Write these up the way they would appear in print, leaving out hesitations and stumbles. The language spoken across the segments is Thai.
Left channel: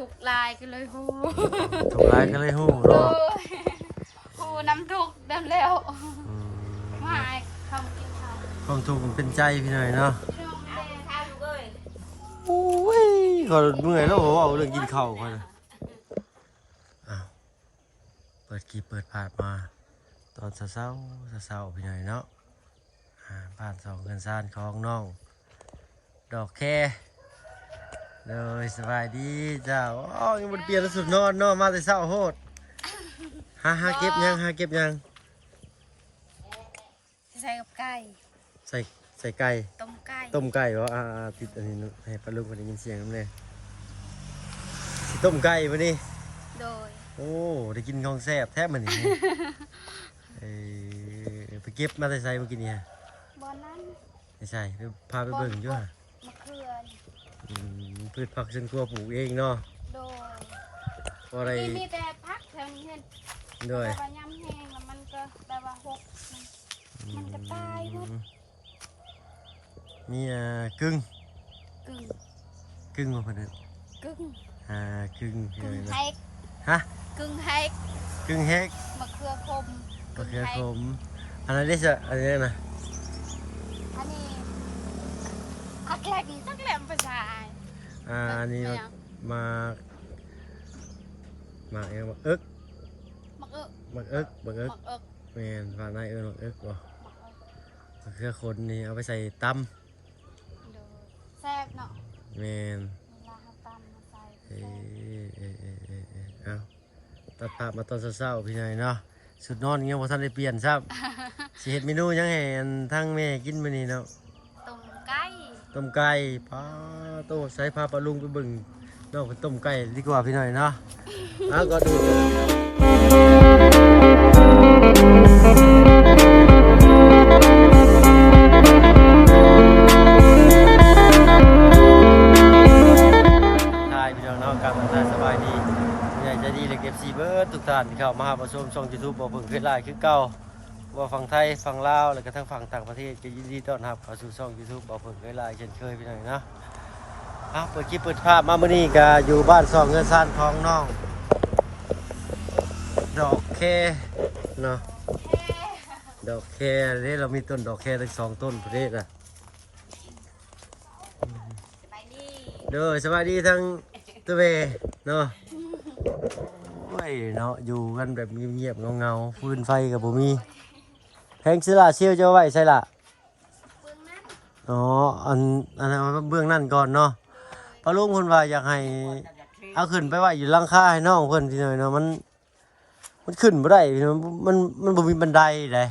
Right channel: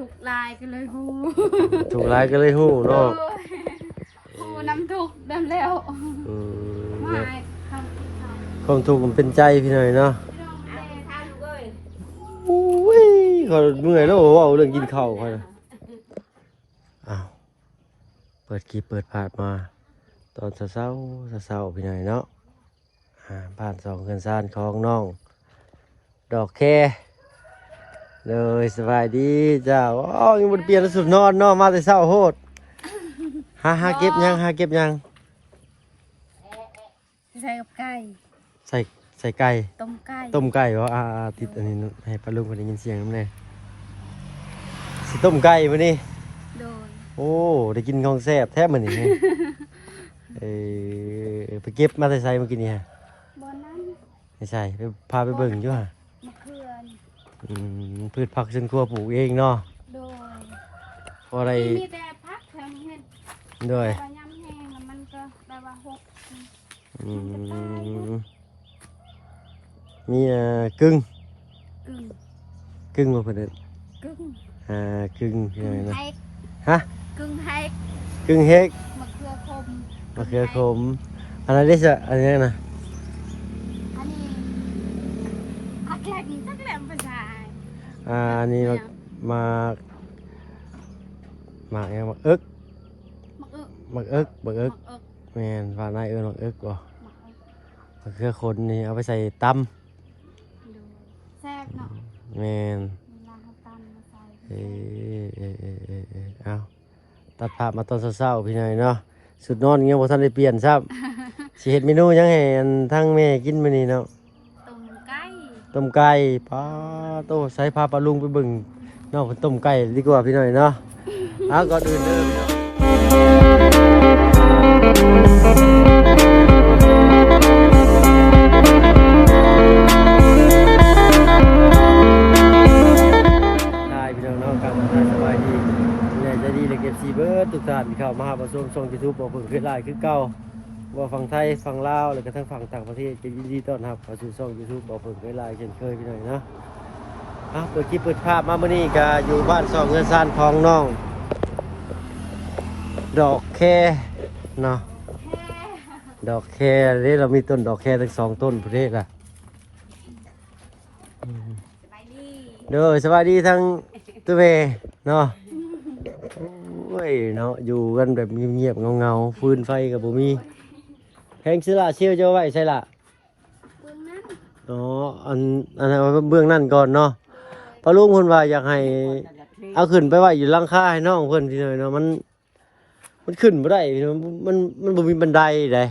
ถูกลายก็เลยหู ถูกร้ายก็เลยฮู้เนาะ หูน้ำทุกดำแล้วมาความกินข้าวความทุกข์มันเป็นใจพี่หน่อยเนาะอุ้ยก็เมื่อยแล้วเว้าเรื่องกินข้าวค่อยนะอ้าวเปิดคลิปเปิดพาดมาตอนเช้าพี่หน่อยเนาะบ้าน2เรือนซ่านของน้องดอกแคเลยสบายดีจ้าว้าวยังบ่ได้เปลี่ยนสุดนอนเนาะมาแต่เช้าโหดหาเก็บยังใส่กับไก่ ใส่ไก่ ต้มไก่ ต้มไก่เหรอติดอันนี้ให้ปลาลุงคนได้ยินเสียงน้ำแน่สิต้มไก่ปะนี่ โดย โอ้ได้กินของแซ่บแทบเหมือนนี่ ไปเก็บมาใส่เมื่อกี้นี่ฮะ บอนนั้น ไม่ใช่ไปพาไปเบิ่งอยู่ฮะ มะเขือ พืชผักสวนครัวปลูกเองเนาะ โดย เพราะอะไร มีแต่พักทางเห็ด ด้วย แต่ยำแห้งมันก็แปลว่าหก อืมมีกึ่ง กึ่ง มาเพิ่นเด้อก ึ่ง กึ่งยังไงนะ แฮก ฮะ กึ่งแฮก กึ่งเฮก มะเขือคม มะเขือขมอันนั้นได้จะอันนี้นะ อันนี้ผักแหลกจักแหลมภาษา อันนี้มายังมาเอิก มะเอิก มาเอิก มะเอิก แม่นฝากนายมาเอิกบ่ มะเอิก มะเขือคนนี่เอาไปใส่ตำ แทรกเนาะ แม่น เวลาเขาตำมาใส่ เอาตัดภาพมาตอนเช้าๆพี่หน่อยเนาะสุดนอนยังบ่ทันได้เปลี่ยนซ้ำ สิเฮ็ดเมนูยังให้ทั้งแม่กินมื้อนี้เนาะ ต้มไก่ ต้มไก่ป้าโตใส่พาปลาลุงไปเบิ่งน้องเพิ่นต้มไก่ดีกว่าพี่หน่อยเนาะเอาก่อนพี่น้องเนาะการทางสบายดีอยากจะดีเลยเก็บซีเบิร์ดทุกท่านที่เข้ามาหาชมช่อง YouTube บ่เพิ่งขึ้นไลน์คือเก่าว่าฝั่งไทยฝั่งลาวแล้วก็ทั้งฝั่งต่างประเทศก็ยินดีต้อนรับเข้าสู่ช่อง YouTube บ่เพิ่งขึ้นไลน์เช่นเคยพี่น้องเนาะเปิดคลิปเปิดภาพมามื้อนี้ก็อยู่บ้าน2เรือนซ่านของน้องดอกแคเนาะดอกแคนี่เรามีต้นดอกแคทั้ง2ต้นประเทศล่ะ ไปดี เด้อสวัสดีทั้งตัวเมเนาะโอ้ยเนาะอยู่กันแบบเงียบๆเงาๆฟืนไฟกับบ่มีแพงซื้อละเชี่ยวจะไว้ใช่ละ เบื้องนั้น อ๋ออันนั้นเบื้องนั่นก่อนเนาะปลาลุงเพิ่นว่าอยากให้เอาขึ้นไปไว้อยู่หลังคาให้น้องเพิ่นพี่หน่อยเนาะมันขึ้นบ่ได้มันบ่มีบันไดได้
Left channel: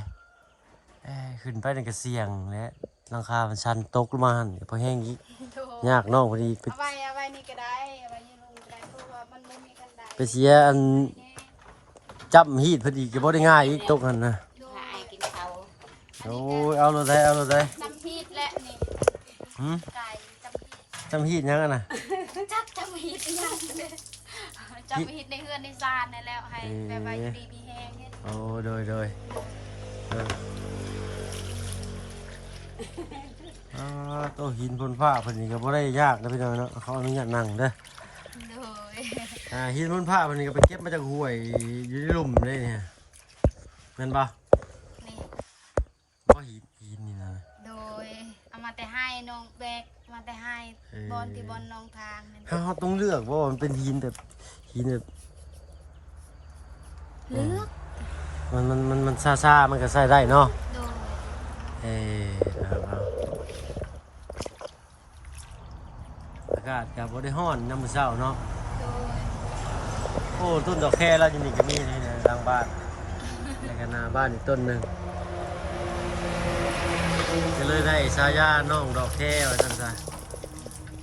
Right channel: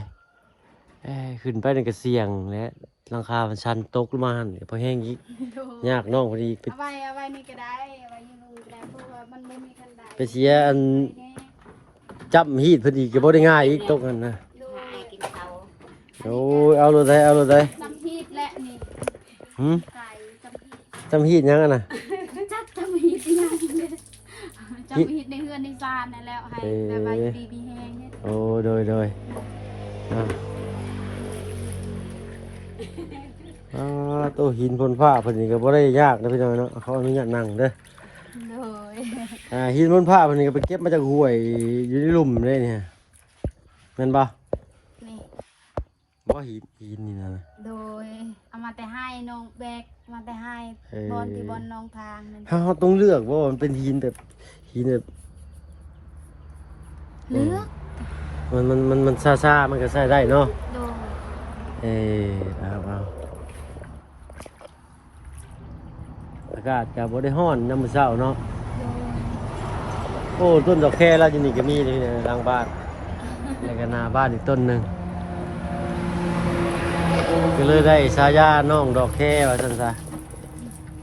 ขึ้นไปนั่นก็เสี่ยงและหลังคามันชันตกลงมาหั่นพอแห้งอีก โด ยากน้องพอดีไป เอาไว้นี่ก็ได้เอาไว้นี่ลุงก็ได้เพราะว่ามันไม่มีกันได้ ไปเสียอันจับฮีดพอดีก็บ่ได้ง่ายอีกตกหันนะ โดยกินเขา โอ้ยเอาเลยได้ จำฮีดและนี่ หืม ไก่จำฮีด จำฮีดยังอะน่ะ จักจำฮีดยังเลยจำฮีดในเฮือนในซานนั่นแล้วให้แบบว่าอยู่ดีมีแฮงเฮ็ด โอ้โดยตัวหินพ่นผ้าเพิ่นนี่ก็บ่ได้ยากนะพี่น้องเนาะเขาอนุญาตนั่งเด้อ โดย หินพ่นผ้าเพิ่นนี่ก็ไปเก็บมาจากห้วยอยู่ในหลุมเลยเนี่ยแม่นบ่ นี่ บ่หินนี่นะ โดยเอามาแต่ให้น้องแบกมาแต่ให้บอลที่บอลน้องทางนั่น เฮาต้องเลือกว่ามันเป็นหินแบบเลือก มันซ่าๆมันก็ใช้ได้เนาะ โดย เอาอากาศกับบได้ห้อนน้ำมือเช้าเนาะ โดย โอ้ต้นดอกแคแล้วอยู่นี่ก็มีเลยนะหลังบ้านแล้วก็หน้าบ้านอีกต้นหนึ่งก็เลยได้ฉายาน้องดอกแคว่าซั่นซะ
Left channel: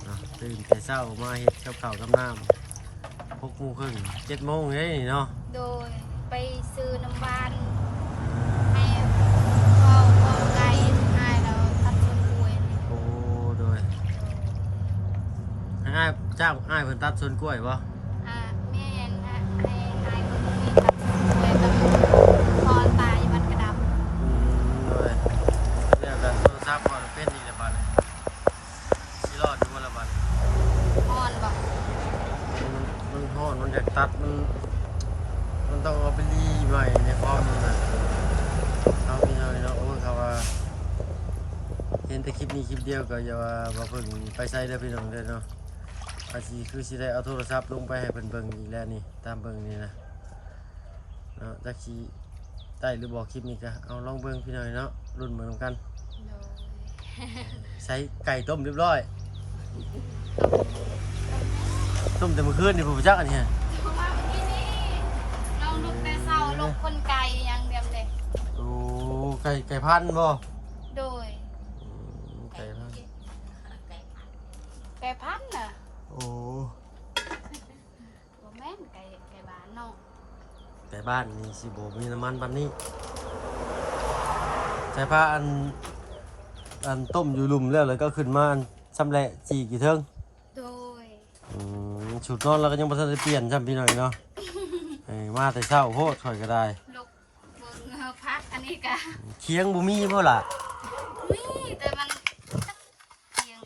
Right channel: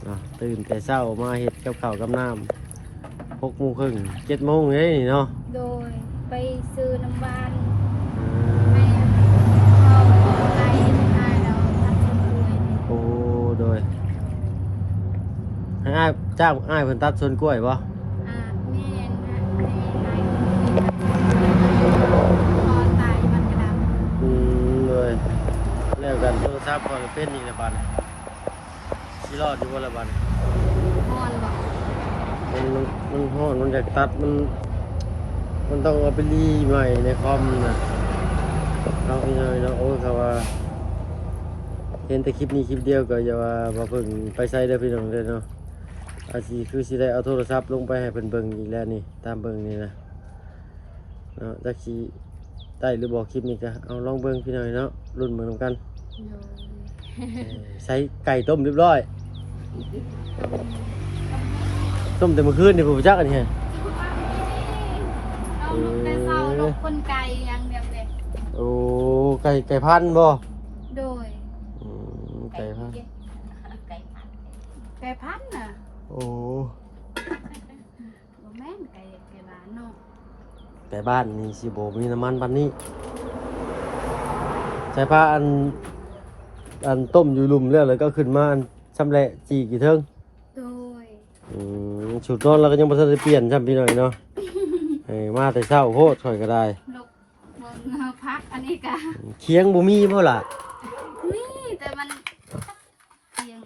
เนาะตื่นแต่เช้ามาเฮ็ดกับข้าวกับน้ำ6:30 7:00เลยนี่เนาะ โดยไปซื้อน้ำบานให้เข้าของไก่ให้แล้วทัดชิ้นกล้วยนี่ โอ้โดยให้อ้ายจ้างอ้ายเพิ่นตัดสวนกล้วยบ่ แม่นให้คนที่ตัดชิ้นกล้วยกับพอตายมันกระด เลยแล้วกันโทรศัพท์ก็เป็นนี่แหละบัดนี้สิรอดอยู่บ่ละบัดนี้ ำมอนบอก มัน มันฮ้อนมันอยากตัดมันต้องเอาไปรีใหม่ในคอมนะเอาพี่น้อยเนาะโอ้ยเขาว่าเห็นแต่คลิปนี้คลิปเดียวก็อย่าว่าบ่เพิ่งไปใส่เด้อพี่น้องเด้อเนาะอาสิคือสิได้เอาโทรศัพท์ลงไปให้เพิ่นเบิ่งอีกแล้วนี่ตามเบิ่งนี่นะเนาะจักสิได้หรือบ่คลิปนี้ก็เอาลองเบิ่งพี่น้อยเนาะรุ่นเบิ่งนำกัน โดย ใช้ไก่ต้มเรียบร้อย ต้มแม่ ต้มแต่เมื่อคืนนี่ผมจักอันนี้ฮะ เราลูกได้เศร้าลูกคนไก่ยังเดียวเด็ก โอ้ไก่พันธุ์บ่ โดย ไก่พันธุ์ ไก่พันธุ์น่ะ โอ้ บ่แม่นไก่บ้านเนาะ ไก่บ้านนี่สิบ่มีน้ำมันปานนี้ใช้ผ้าอันต้มอยู่หลุมแล้วก็ขึ้นมาอันชำแหละจีกี่เทิง โดย สูตรนอนเราก็ยังบ่ทันได้เปลี่ยนซ้ำพี่หน่อยเนาะ มาแต่เช้าโพดข่อยก็ได้ ลูกเบิ่งพักอันนี้กะ เคียงบ่มีบ่ล่ะ มีแต่มันจักเพียง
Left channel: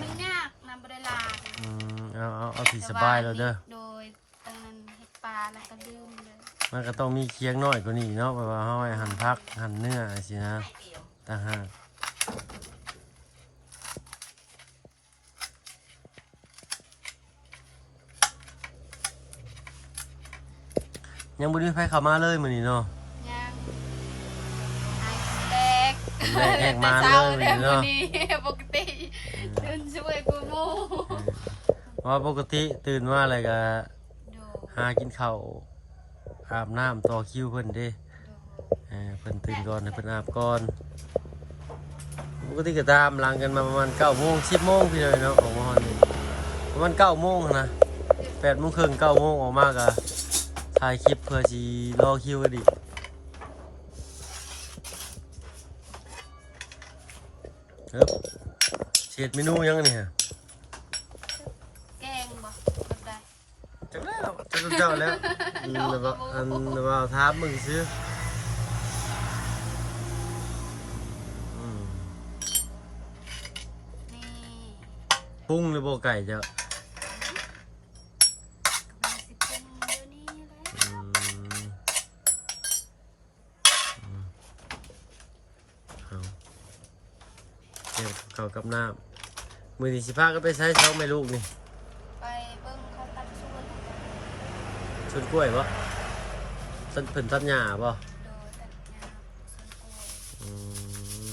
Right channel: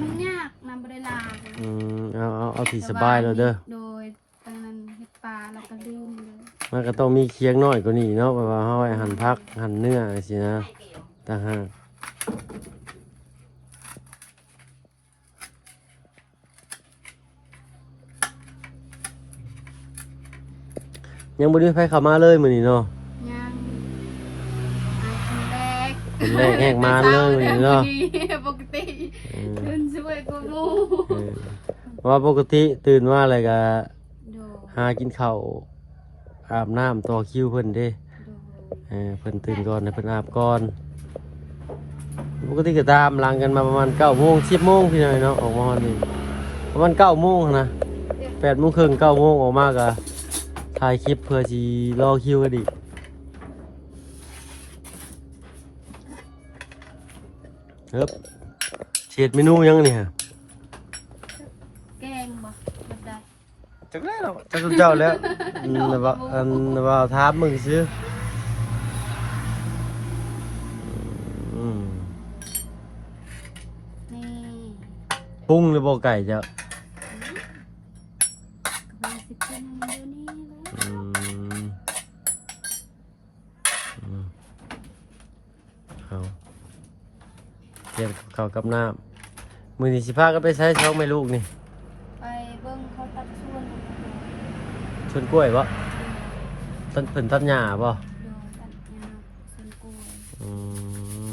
มันยากนำบ่ได้ลา เอาที่สบายแล้วเด้อ โดยตรงนั้นเฮ็ดปลาแล้วก็ลืมเลย มันก็ต้องมีเคียงน้อยกว่านี้เนาะแบบว่าเฮาไว้หั่นผักหั่นเนื้อสินะต่างหากยังบ่ได้ไผเข้ามาเลยมื้อนี้เนาะ ยังอายคนแรก คนแรกแหกมาเลยมื้อนี้เนาะ ปกติเดินช่วยกูมู เพราะว่าปกติตื่นมาแล้วก็ โด หากินข้าวอาบน้ำต่อคิวเพิ่นเด้ โด เพิ่นตื่นก่อนให้เพิ่นอาบก่อนปกติก็ตามหลังกันมาประมาณ9 โมง 10 โมงพี่น้อยเนาะออกมาวันนี้ประมาณ9 โมงนะ8 โมงครึ่ง9 โมงออกมาก็ถ่ายคลิปเพื่อสิรอคิวกันอีกครับเฮ็ดเมนูยังนี่ฮะ แกงบ่แบบใด จักแล้วจักเจ้าแล้วว่าถามมึงซื่ออืม นี่ ปรุงหรือบ่ไก่เจ้า ก็ไปสิบเป็นเดี๋ยวนี้แหละ อืมเอาเตรียมข้าวกับน้ำมื้อนี้สิพากันไปใช้ช่องแม่ลูกนี่ ไปเบิ่งเขาตัดส่วนเลยจ้ะ สวนกล้วยบ่ต้นเพิ่นต้นหญ้าบ่ โดยตัดยาส่วนกล้วย อืม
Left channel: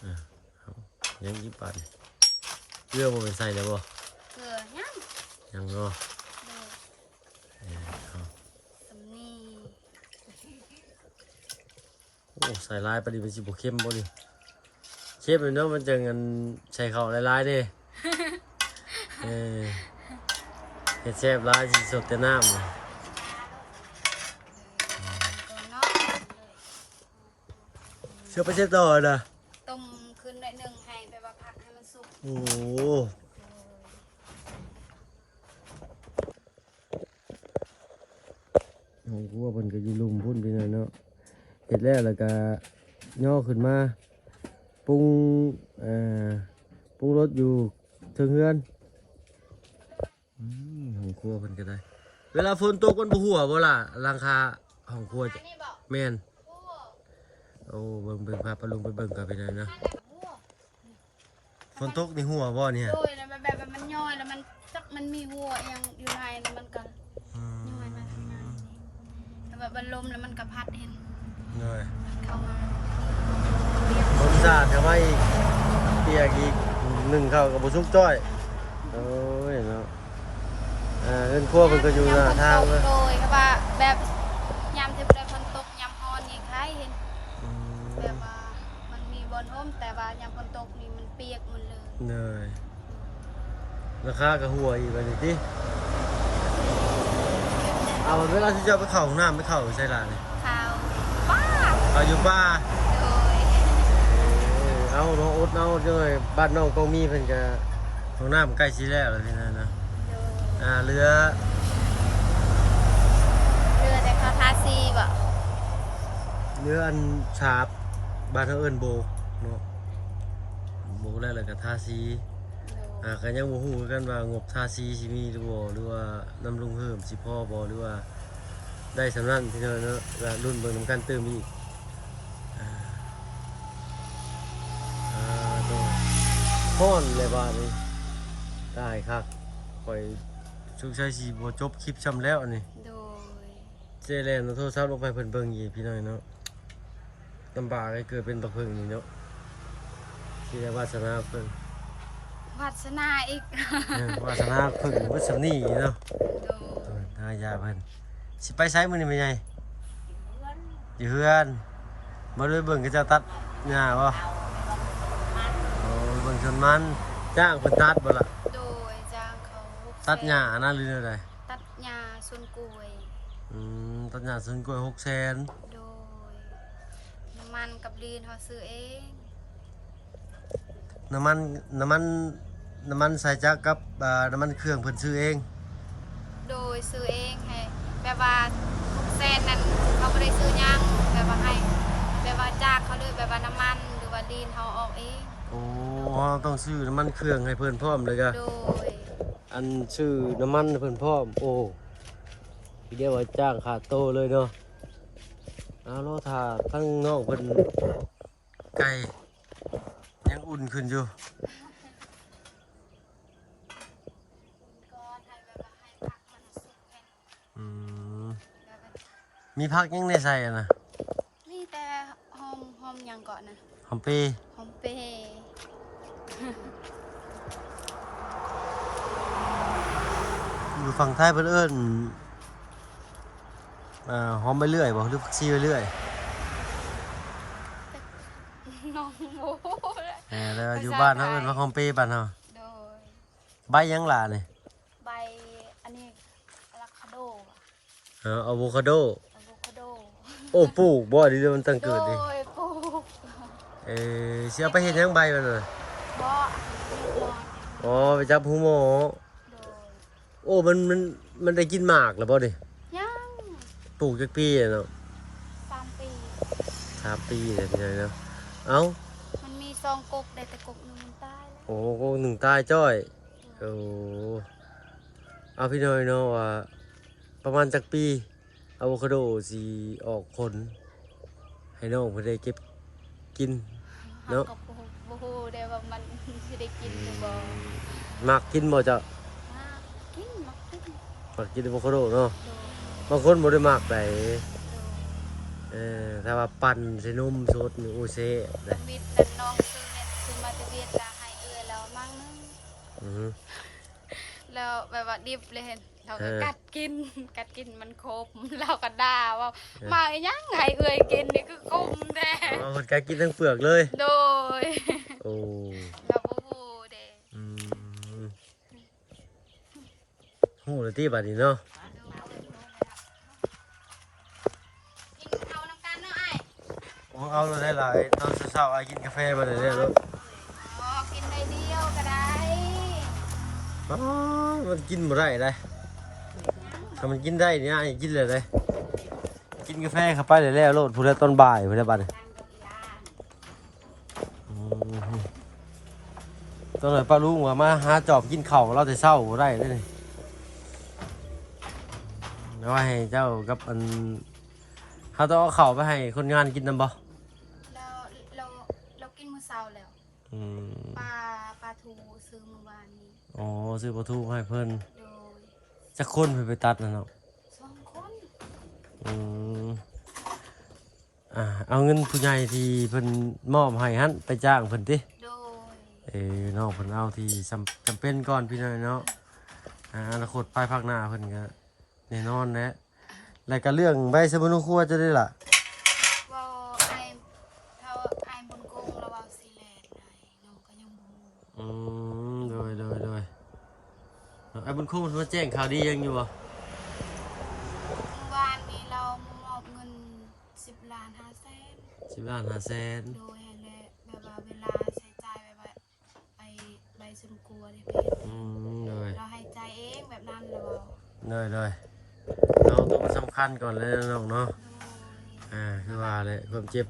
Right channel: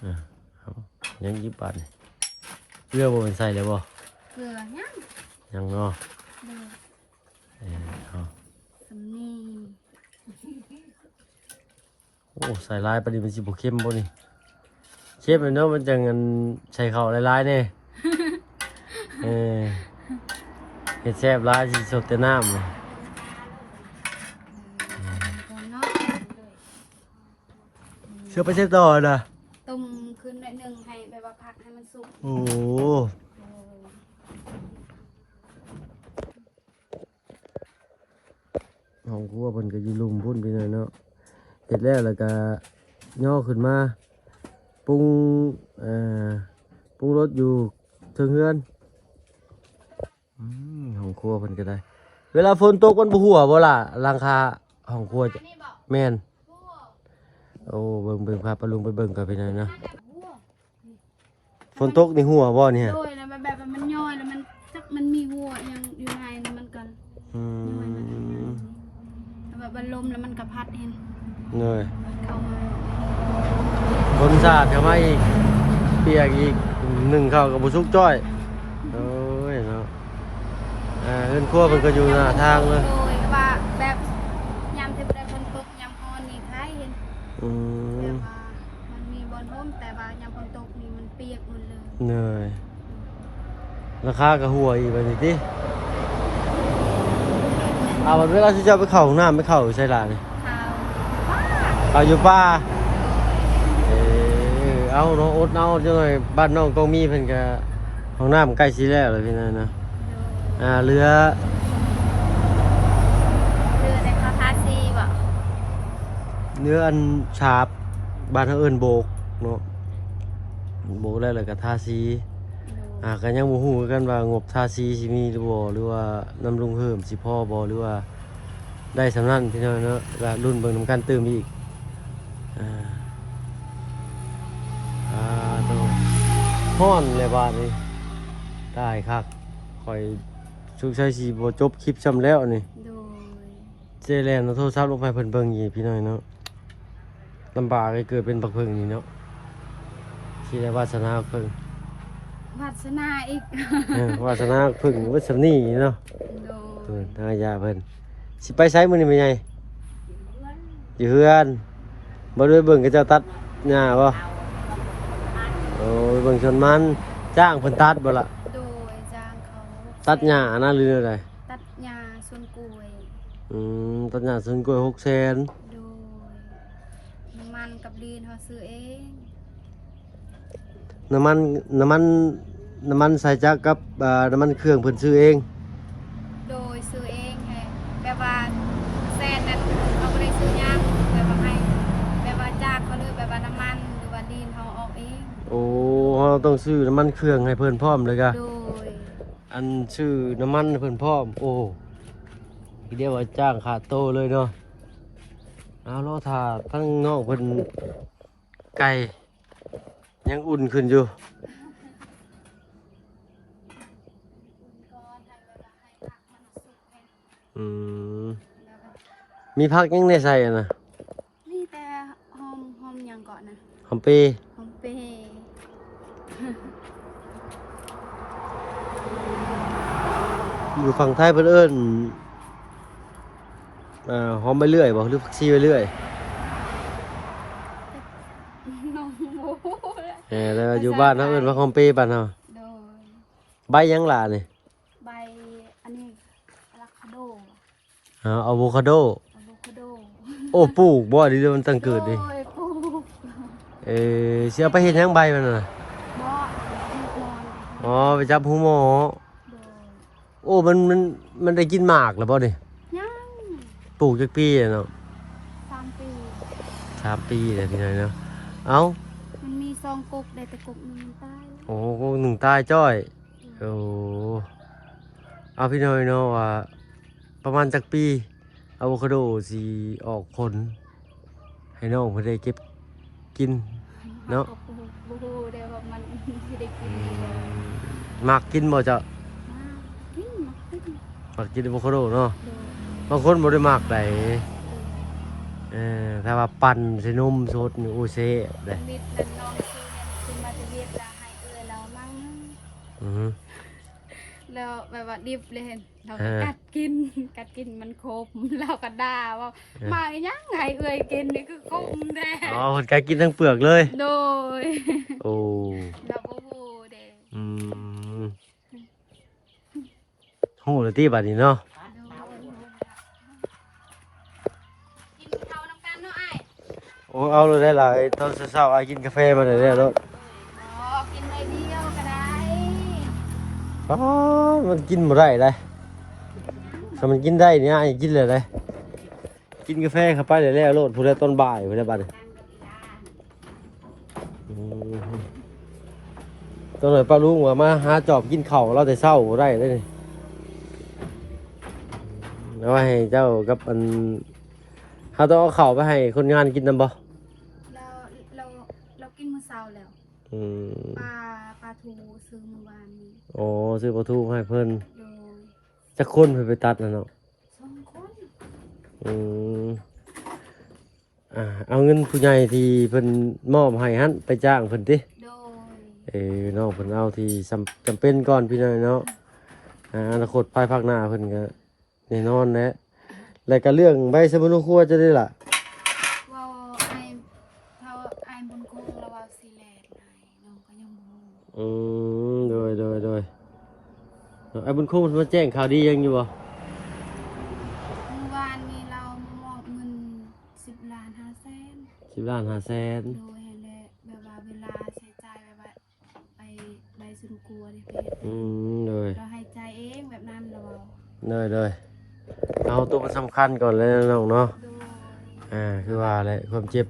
เอายังยิบปันเกลือบ่เป็นใส่เลยบ่ เกลือยัง ยังเนาะ โดย เอา สำนี โอ้ใส่ลายปานนี้มันสิบ่เข้มบ่นี่เข้มเลยเนาะมันจังอันใส่ข้าวหลายๆแน่เฮ็ดแซ่บหลายสิสดแต่น้ำนี่ ก่อนเนาะ เชื่อไปใช้ต่อนะ ต้มขึ้นได้หนึ่งให้แบบว่าพักให้มันสุก โอ้โหห้องครัวเพิ่นก็อยู่ลุมพุ่นไปหน่อยเนาะเฮ็ดแล้วก็ย่อขึ้นมาปรุงปรุงรสอยู่เทิงเฮือนห้องครัวเพิ่นก็ได้ เวลาฝนตกมันบ่หัวบ่ล่ะหลังคาห้องครัว อันนี้บอก แม่น หัว โอ้เบิ่งพาปลาลุงไปเบิ่งกันไปหน่อยนะ หัว ฝนตกในหัวบ่เนี่ย โดยแล้วมันแบบว่ามันย่อยแล้วมันจักมันมีหัวยังอยู่ในแล้วมันก็ อืม แล้วแบบมันลมแล้วมันกระพัดเห็น เหนื่อย พัดเข้ามา คนสะอาดทำไมอีกเปียกอีกหนึ่งข้าวกับบุซุกจ้อยโอ้ยเนาะเรื่องครัวมันก็อยู่หน้าทางเลย โดยว่าแบบยามที่ได้ฝนตกยามอ่อนนี่คล้ายเห็น อื แบ ม บว่ามันมีบอลร่มแต่ว่ายามฝนตกนี่มันเปียกหมดเลย เหนื่อยราคากับหัวอีกแบบนี้ดิเอาเวลาที่จะไปเข่าห้องน้ำไปเข่าใช่ละนี่ ข้าวป้า เอาอยู่ป่าเอาน้องอดเอาด้วยบ้านน้องก็มีเพิ่นก็ห้องน้ำใกล้สิแล้วเลยพี่นายนะเรือ เรือแต่ข้าวทาซีบ่ เนื้ออันฉาบบ้านเฮาเอิ้นโบกเนาะโบกแล้วก็ทาสีก็ยังบ่ฮู้คือกันว่างบทาสีสิมีหรือบ่หรือว่าน้ำลงเพิ่มสิพอบ่หรือว่าได้สำนั้นพี่น้องเนาะแล้วรุ่นเบิ่งนำกันเติมอีกอ่าฮ้อนเลยบ้านนี้ได้ครับข่อยสุกชัยสิบ่จบคลิปซ้ำแล้วนี่ โดย เจแลนเอาโทรศัพท์ลงไปเพิ่นเบิ่งอีกพี่น้อยเนาะลำบากให้เกิดเป็นบักเพิ่งนี่เนาะที่ได้วาสนาเพิ่ง วาสนาอีก วาสนาเพิ่งวัสนีเนาะ โดย ทางยาเพิ่นสิไปไสมื้อนี้เป็นไงอยู่เฮือนบ่ได้เบิ่งเขาเจ้าตัดหญ้าบ่โอ้เบิ่งชนมันจ้างเพิ่นตัดบ่ล่ะ โดยจ้างเขา ตัดหญ้านะหรืออะไร ตัดหญ้าสวนกล้วย ตัดหญ้าสวนกล้วย600,000 โดยน้ำมันกับลีนเขาซื้อเอง น้ำมันน้ำมันน้ำมันใส่จักรกับน้ำมันเครื่องเพิ่นซื้อเอง โดยซื้อเองให้แบบว่าแซนนั้นเขาไม่ได้ซื้อหยังแบบว่าให้แบบว่าจ้างเขาเลยแบบว่าน้ำมันหรือว่าลีนเขาออกเอง โอ้เราต้องซื้อน้ำมันเครื่องให้เพิ่นพร้อมเลยกะ โดย อันซื้อน้ำมันให้เพิ่นพร้อมโอ้เดี๋ยวว่าจ้างขาดโตเลยเนาะเอาเราถ้าทั้งนอกเพิ่นไก่ยังอุ่นขึ้นอยู่ ก็ให้แบบว่าให้ผักมันสุกให้ อืม แล้วก็ มีผักยังได้ใส่อะนะ นี่แต่หอมหยังก่อนนะ หอมเปรย์ หอมเปรย์ อยู่ฝั่งไทยเพิ่นเอิ้นหอมไปเรื่อยบ่หรือผักชีไปเรื่อย น้องโม แล้วอยู่บ้านเฮาเอิ้นว่าหอมเปรย์บ้านเฮา โดย ใบยังล่ะนี่ ใบอันนี้อะโวคาโด อะโวคาโด อะโวคาโด โอ้ปลูกบ่ดีมันตั้งเกิดดิ โอ้ยปลูก สิเอาไปเฮ็ดหยังใบมันน่ะ บ่อีกนอน อ๋อไปจับหูหมอ โดย โอ้มันได้กินหมากแล้วบ่นี่ ยัง ปลูกจักปีอะเนาะ 3 ปี 3 ปีเลยพี่น้อยเนาะเอ้า มันมี2กกได้แต่กกหนึงมันตายแล้ว โอ้โหหนึ่งตายจ้อยโอ้เอาพี่น้อยเนาะว่าประมาณจักปีอะโวคาโดสิออกผลให้น้องเพิ่นได้เก็บกิน เนาะ ก็บ่ฮู้ได้ว่ามันสิได้กินหรือบ่ มักกินบ่จ้ะ มากินมากิน มักกินอะโวคาโดเนาะ โดย บางคนบ่ได้มักได้ โดย ถ้าว่าปั่นใส่นมสดนี่โอ้เซ่ได้ มิดนั่นน้องซื้อมาตะเวียนก็ให้เอื้อเรามั่งนึง อือฮึ แล้วแบบว่าดิบเลยเห็นเราก็กัดกิน กัดกินมันคมเราก็ด่าว่ามาอีหยังไงเอื้อยกินนี่คือคมแท้ อ๋อเพิ่นก็กินทั้งเปลือกเลย โดย โอ้ เราบ่ฮู้เด้ อืมโหเลยที่บัดนี้เนาะ โดยกินข้าวนำกันเนาะอ้าย โอ้เอาเลยได้หลายตอนเช้าๆไอ้กินกาแฟมาเลยได้แล้ว อ๋อกินได้เดียวก็ได้ อ๋อมันกินบ่ได้เลยถ้ามันกินได้เนี่ยไอ้กินเลยเลยกินกาแฟเข้าไปเลยแล้วโลดพูดได้ตอนบ่ายพูดได้บัดนี้อืมต้องเลยป้าลุงว่ามาหาจอบกินข้าวเราแต่เช้าบ่ได้เลยนี่แล้วว่าให้เจ้ากับอันเขาต้องเอาข้าวไปให้คนงานกินนำบ่ เราเราเรากินมื้อเช้าแล้ว อืม ปลาทูซื้อเมื่อวานนี้ อ๋อซื้อปลาทูให้เพิ่น โดย จะคนเพิ่นไปตัดนะเนาะ 2 คน อืมเอาเงินผู้ใหญ่ที่เพิ่นมอบให้หันไปจ้างเพิ่นติ โดย น้องเพิ่นเอาที่จำเป็นก่อนพี่น้อยเนาะอนาคตภายภาคหน้าเพิ่นก็แน่นอนแหละแล้วก็เรื่องใบสมุนครัวจะได้ล่ะ เว่าไอ้เท่าไอ้บนคงแล้วเว่าสิแลดไอ้น้องก็ยังบ่รู้ โดยไอ้บุญคุ้มมันมาแจ้งข่าวดียังอยู่บ่ เมื่อวานนี้เรามอบเงิน10 ล้าน5 แสน 10 ล้าน5 แสน โดยให้แลแบบว่าเวลาใช้จ่ายแบบว่าไปใบสุนกลัวดิเพชร โดย เราให้ใจายเองแบบนั้นแล้วเว่า เอาตัวมันสำคัญก่อนเลยนะน้องเนาะ โดย คือว่าอะไรความเจ็บ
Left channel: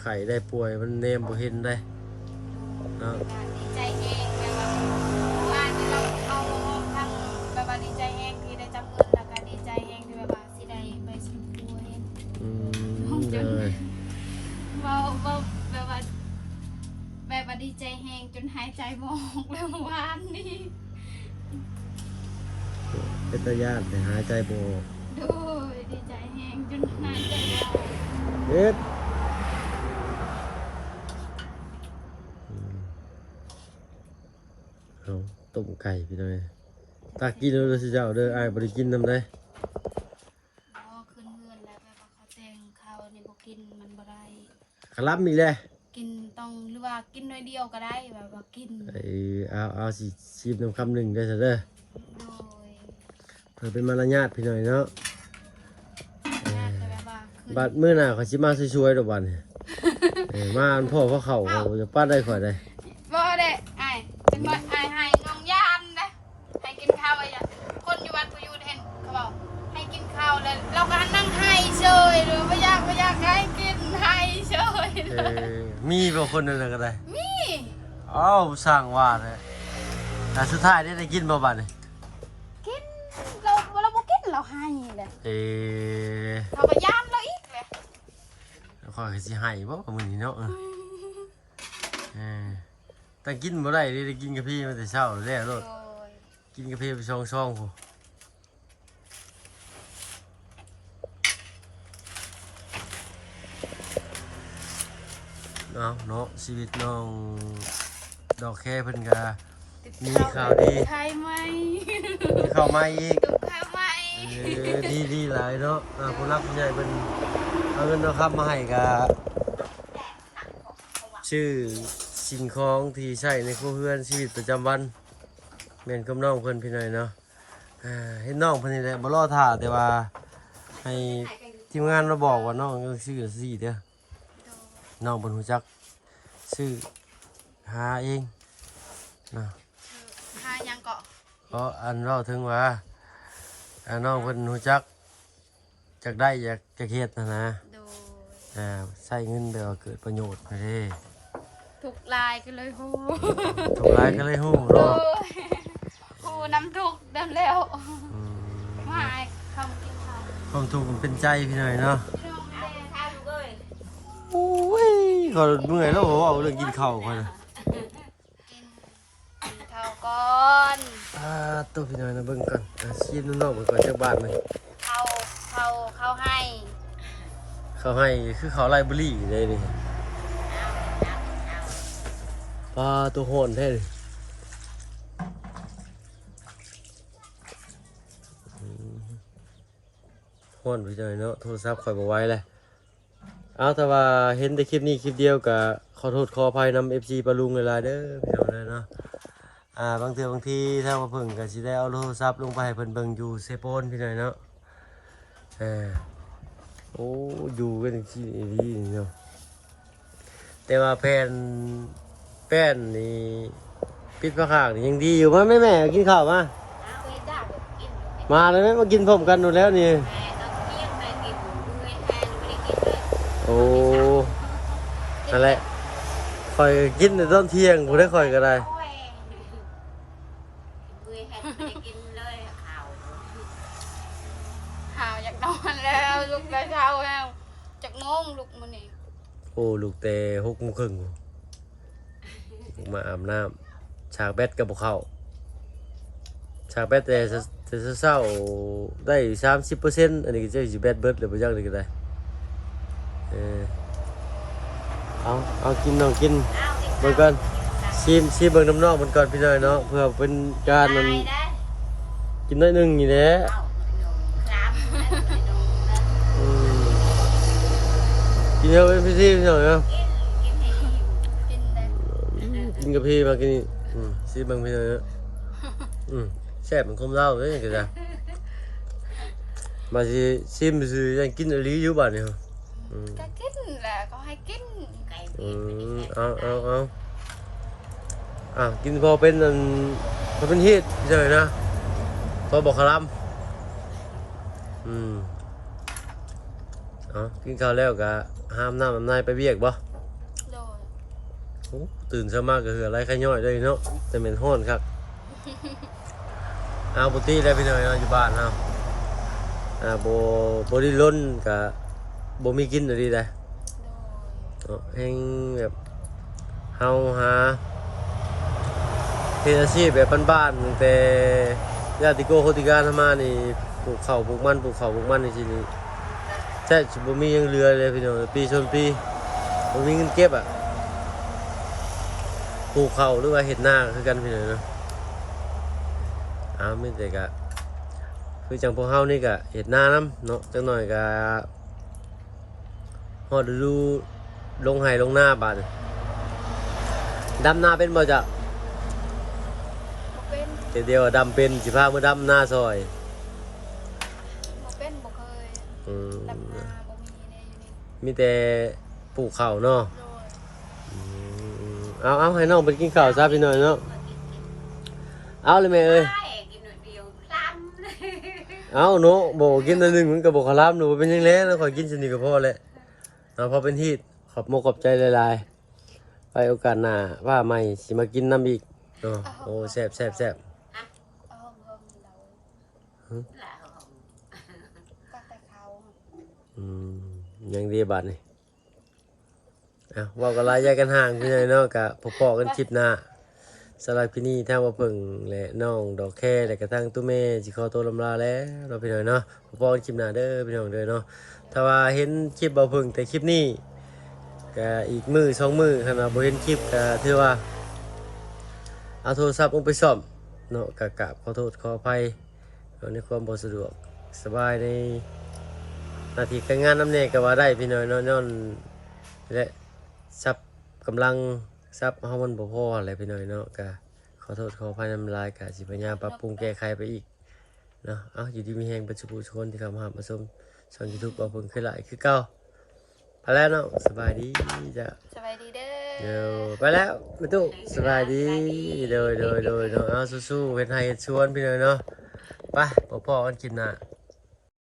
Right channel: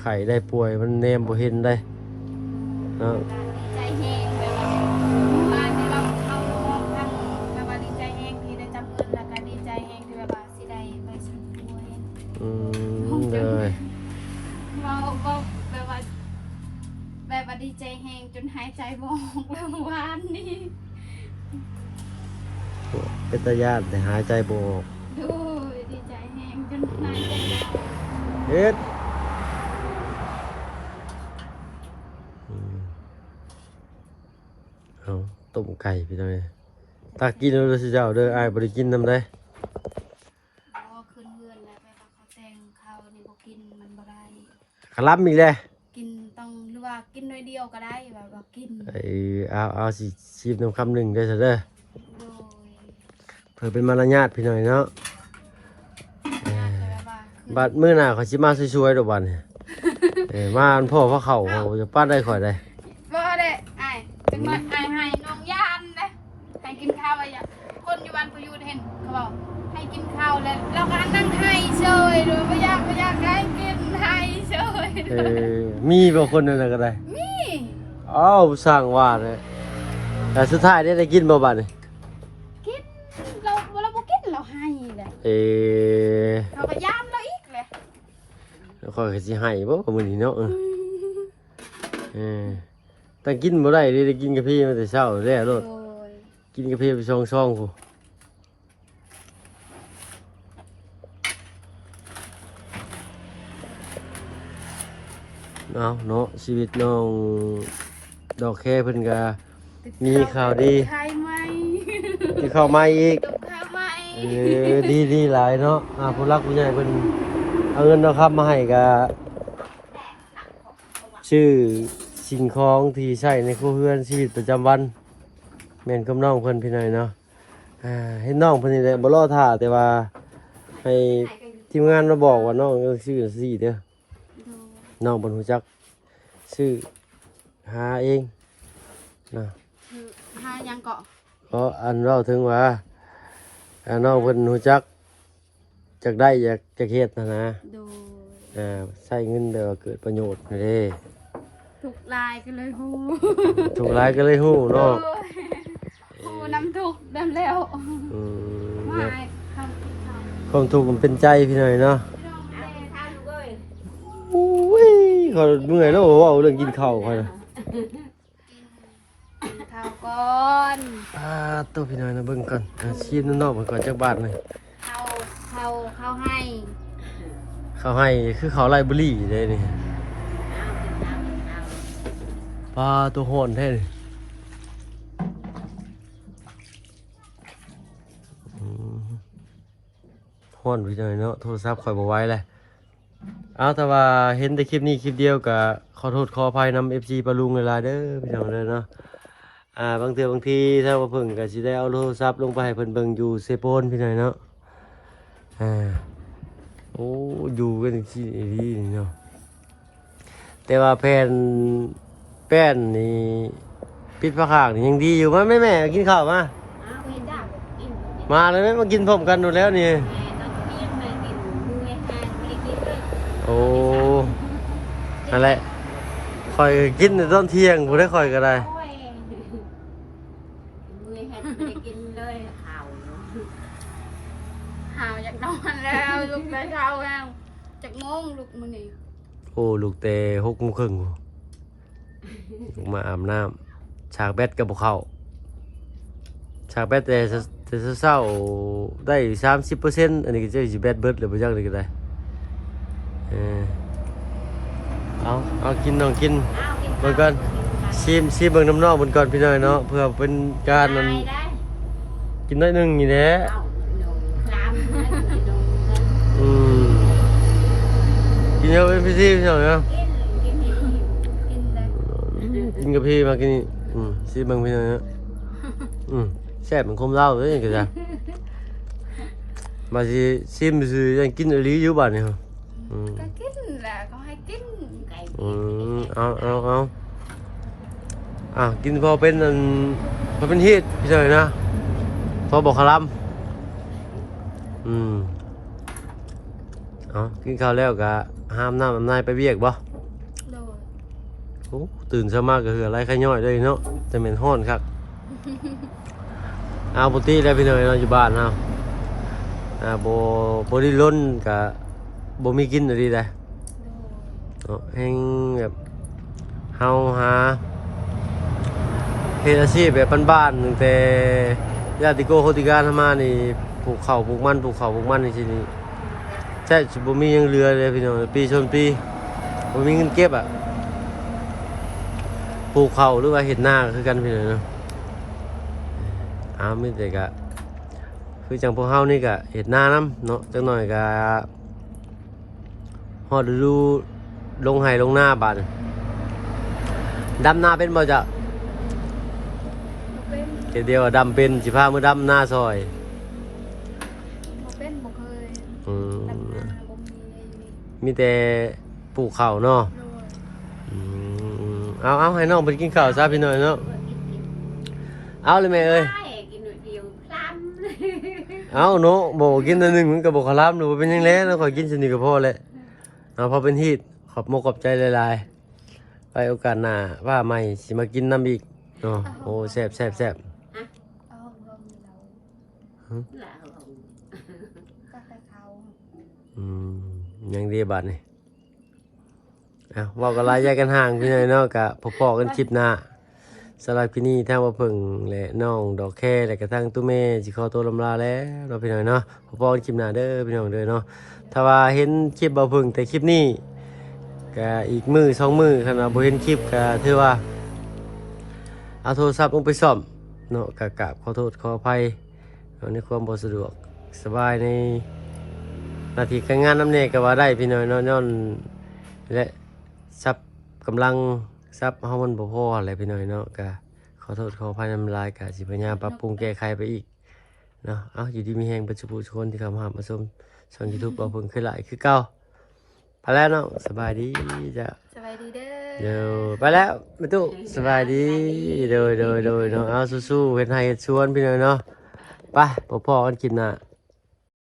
ไข้ได้ป่วยมันแนมบ่เห็นได้เนาะ ดีใจแห้งแบบว่าว่าเราเอามองทางแบบว่าดีใจแห้งที่ได้จับเงินแล้วก็ดีใจแห้งที่แบบว่าสิได้ไปสุดตัวเอง เลย เราแบบว่าดีใจแห้งจนหายใจบ่ออกแล้วเมื่อวานนี้ เป็นตาญาติแต่หายใจบ่ออก ดูดีใจแห้งจนหายใจบ่ออก เอ็ดเอาต้มไก่พี่น้อยตากินแล้วสิเจ้าเด้ออ้ายบ่ได้กินนำได้ อ๋อขึ้นเฮือนแล้วแบบว่าเขาแต่งข้าวในบ่กินมันบ่ได้ กะลับอีกแล้ว กินต้องหรือว่ากินน้อยเดียวก็ได้แบบว่ากินเอาสิชีพน้ำคำหนึ่งได้ซะเด้อ โดย เพื่อเป็นมารยาทพี่น้อยเนาะ ญาติแบบว่าคือ บัดมื้อหน้าเขาสิมาช่วยๆดอกบัดนี่ มาอันพ่อพระเขาจะป้าได้ข่อยได้ บ่ได้อ้ายจังหน่อยอ้ายให้น้องยานนะให้กินข้าวอะไรอย่างคนอยู่บ้านผู้อยู่เห็นเขาบอกให้กินข้าวแล้วเราก็นั่งให้เฉยหรือไม่อยากให้กินให้เฉย มีบางคนนั่นนะก็ได้ มี อ้าวสร้างว่าเลยแต่สุดท้ายได้กินบ่บัดนี่ กินเราบ่กินเราให้เลยเขาก็ย่านเราอีกเลย ข่อยก็สิให้บ่มื้อนี้เนาะแต่กินบ่ได้ได้กินกาแฟมาแต่เช้าแล้วโลด โอ้ย กินกาแฟไปซองๆพู้เอาเนาะชีวิตน้องดอกแค่เพิ่นก็มีข่าวดี ใครไหม ที่เข้ามาอีก ตุกข้าวไหม ดีหลายเนาะผู้รักผู้ใหญ่เพิ่นเอาเงินเอาครับมาให้ก็ชื่อสิ่งของที่ใช้ในครัวเรือนชีวิตประจำวันแม่นกับน้องเพิ่นพี่น้อยเนาะเห็นน้องเพิ่นนี่แหละบ่รอท่าแต่ว่าให้ทีมงานมาบอกว่าน้องชื่อซี่เด้อน้องเพิ่นรู้จักชื่อหาเองนะ หายังเกาะ เพราะอันเราถึงว่าน้องเพิ่นรู้จักจากได้จากเฮ็ดนะ ดู ใช้เงินแบบว่าเกิดประโยชน์นี่เด้ ถูกลายกันเลยฮู้ ถูกหลายก็เลยฮู้เนาะ ฮู้น้ำถูกดำแล้ว อืม ไม่ เนาะ เขากินข้าว ความทุกข์มันเป็นใจพี่หน่อยเนาะ พี่น้องแม่ทานเลย อุ้ยก็เมื่อยแล้วเว้าเรื่องกินข้าวค่อยนะ กินข้าวก่อน ต้องพี่หน่อยนะเบิ่งก่อนชีพนอกๆมันก่อนจักบาทหน่อย เขาให้ เขาให้คือเขาไล่บุหรี่เด้นี่ตัวโหนแท้นี่โหนพี่หน่อยเนาะโทรศัพท์ข่อยบ่ไหวเลยเอาแต่ว่าเห็นแต่คลิปนี้คลิปเดียวก็ขอโทษขออภัยนำ FC ปะลุงเวลาเด้อพี่น้องเด้อเนาะบางเทื่อบางทีถ้าว่าเพิ่งก็สิได้เอาโทรศัพท์ลงไปให้เพิ่นเบิ่งอยู่เซโปนพี่หน่อยเนาะโอ้อยู่กันจังซี่ดีเนาะแต่ว่าแป้นนี่ปิดผ้าขากนี่ยังดีอยู่มั้ยแม่กินข้าวมา เอากินได้กินอยู่ มาเลยแม่มากินพร้อมกันอยู่แล้วนี่ แม่ตอนเที่ยงแม่กินมือแห้งไม่ได้กินเลย โอ้อะไรข่อยกินตอนเที่ยงกูได้ข่อยก็ได้ โอ้ยมือแห้งไม่ได้กินเลยข่าว หาวอยากนอนแล้วลุกไปเช้าแล้วจากโมงลุกมื้อนี้ โอ้ลูกเตะ6:30มาอาบน้ำฉากแบตกับพวกเขาฉากแบตแต่เศร้าๆได้ 30% อันนี้ก็จะสิแบตเบิดหรือบ่จักนี่ก็ได้เอาลองกิน เอากิน ดู ข้าว กันชิมเบิ่งน้ำนอกบนก่อนพี่น้อยเนาะเพื่อเป็นการ ได้ได้ กินได้หนึ่งนี่นะ เอาหนูคลามนะหนูดูนะ อืมกินเยอะไปพี่พี่น้อยเนาะ กินให้หิว กินเลย กินกับพี่มากินนี่ชิมเบิ่งพี่น้อยเนาะแซ่บเหมือนคมเหล้าเลยคือจ้ะมาสิชิมซื่อยังกินอีหลีอยู่บ้านนี่ครับ ก็กินแหละก็ให้กิน ไก่เปียกไม่ได้แค่ เอากินพอเป็นพอเป็นฮีทพี่น้อยนะพอบอกคารัม กินข้าวแล้วก็ห้ามน้ำนายไปเวียกบ่ โดย โอ้ตื่นเช้ามาก็คืออะไรขย่อยเลยเนาะจะเหม็นห้อนครับ เอาปกติได้ไปเลยเราอยู่บ้านเอาโบได้ล้นกับโบมีกินอะไรเลยให้แบบเฮาหาเฮ็ดอาชีพแบบบ้านๆตั้งแต่ญาติโกโคติการมานี่ปลูกข้าวปลูกมันในที่นี้ใช่โบมียังเรือเลยพี่น้องปีชนปีโบมีเงินเก็บอ่ะปลูกข้าวหรือว่าเฮ็ดนาคือกันพี่น้องเนาะมีแต่ก็คือจังพวกเฮานี่ก็เฮ็ดนานํเนาะจังหน่อยก็ฮอดฤดูลงไห้ลงนาบาดดำนาเป็นบ่จ๊ะ เป็น เดียวดำเป็นสิพามือดำหน้าซอย เป็นบ่เคย อืม ดำนาบ่มีในอยู่นี่ มีแต่ปลูกข้าวเนาะ โดย เอาให้น้องไปกินข้าวซะพี่หน่อยเนาะ กิน เอาเลยแม่เอ้ย ได้กินหน่อยเดียวพลัม เอาเนาะบอกกินอันหนึงมันก็บอกขลามหนูเป็นยังไงแล้วขอกินสนิทกับพ่อแหละเอาพอเป็นฮีดขอบขอบใจหลายๆไปโอกาสหน้าว่าใหม่สิมากินน้ำอีกเนาะโอ้แซ่บ เอาห้องเรา là ก็ไปเขา ยังดีบัดนี่บอกกันลายแยกกันห่างพี่น้อยเนาะกะพอๆกันคลิปหน้าสำหรับที่นี่ทั้งว่าเพิ่งและน้องดอกแค่และกระทั่งตู้เมย์สิขอตัวลำลาแล้วเราะพี่น้อยเนาะพอๆกันคลิปหน้าเด้อพี่น้องเด้อเนาะถ้าว่าเห็นคลิปบ่เพิ่งแต่คลิปนี้ก็อีกมือ2มือขนาดบ่เห็นคลิปก็ถือว่าเอาโทรศัพท์ลงไปซ่อมเนาะกะขอโทษขออภัยในความบ่สะดวกสบายในหน้าที่การงานน้ำเนก็ว่าได้พี่น้อยเนาะย้อนและทรัพย์กำลังทรัพย์เฮามันบ่พออะไรพี่น้อยเนาะก็ขอโทษขออภัยนำลายก็สิพยายามปรับปรุงแก้ไขไปอีกเนาะเอาอยู่ดีมีแฮงเป็นสุขทุกคนที่เข้ามาหามาชมช่อง YouTube เอาเพิ่งขึ้นหลายคือเก่าไปแล้วเนาะสบายดีจ้ะ สบายดีเด้อ เดี๋ยวไปแล้วไม่ตู้สบายดีโดยเนาะเอาสู้ๆเฮ็ดให้เฮ็ดสวนพี่น้อยเนาะไปพอๆกันกินน่ะ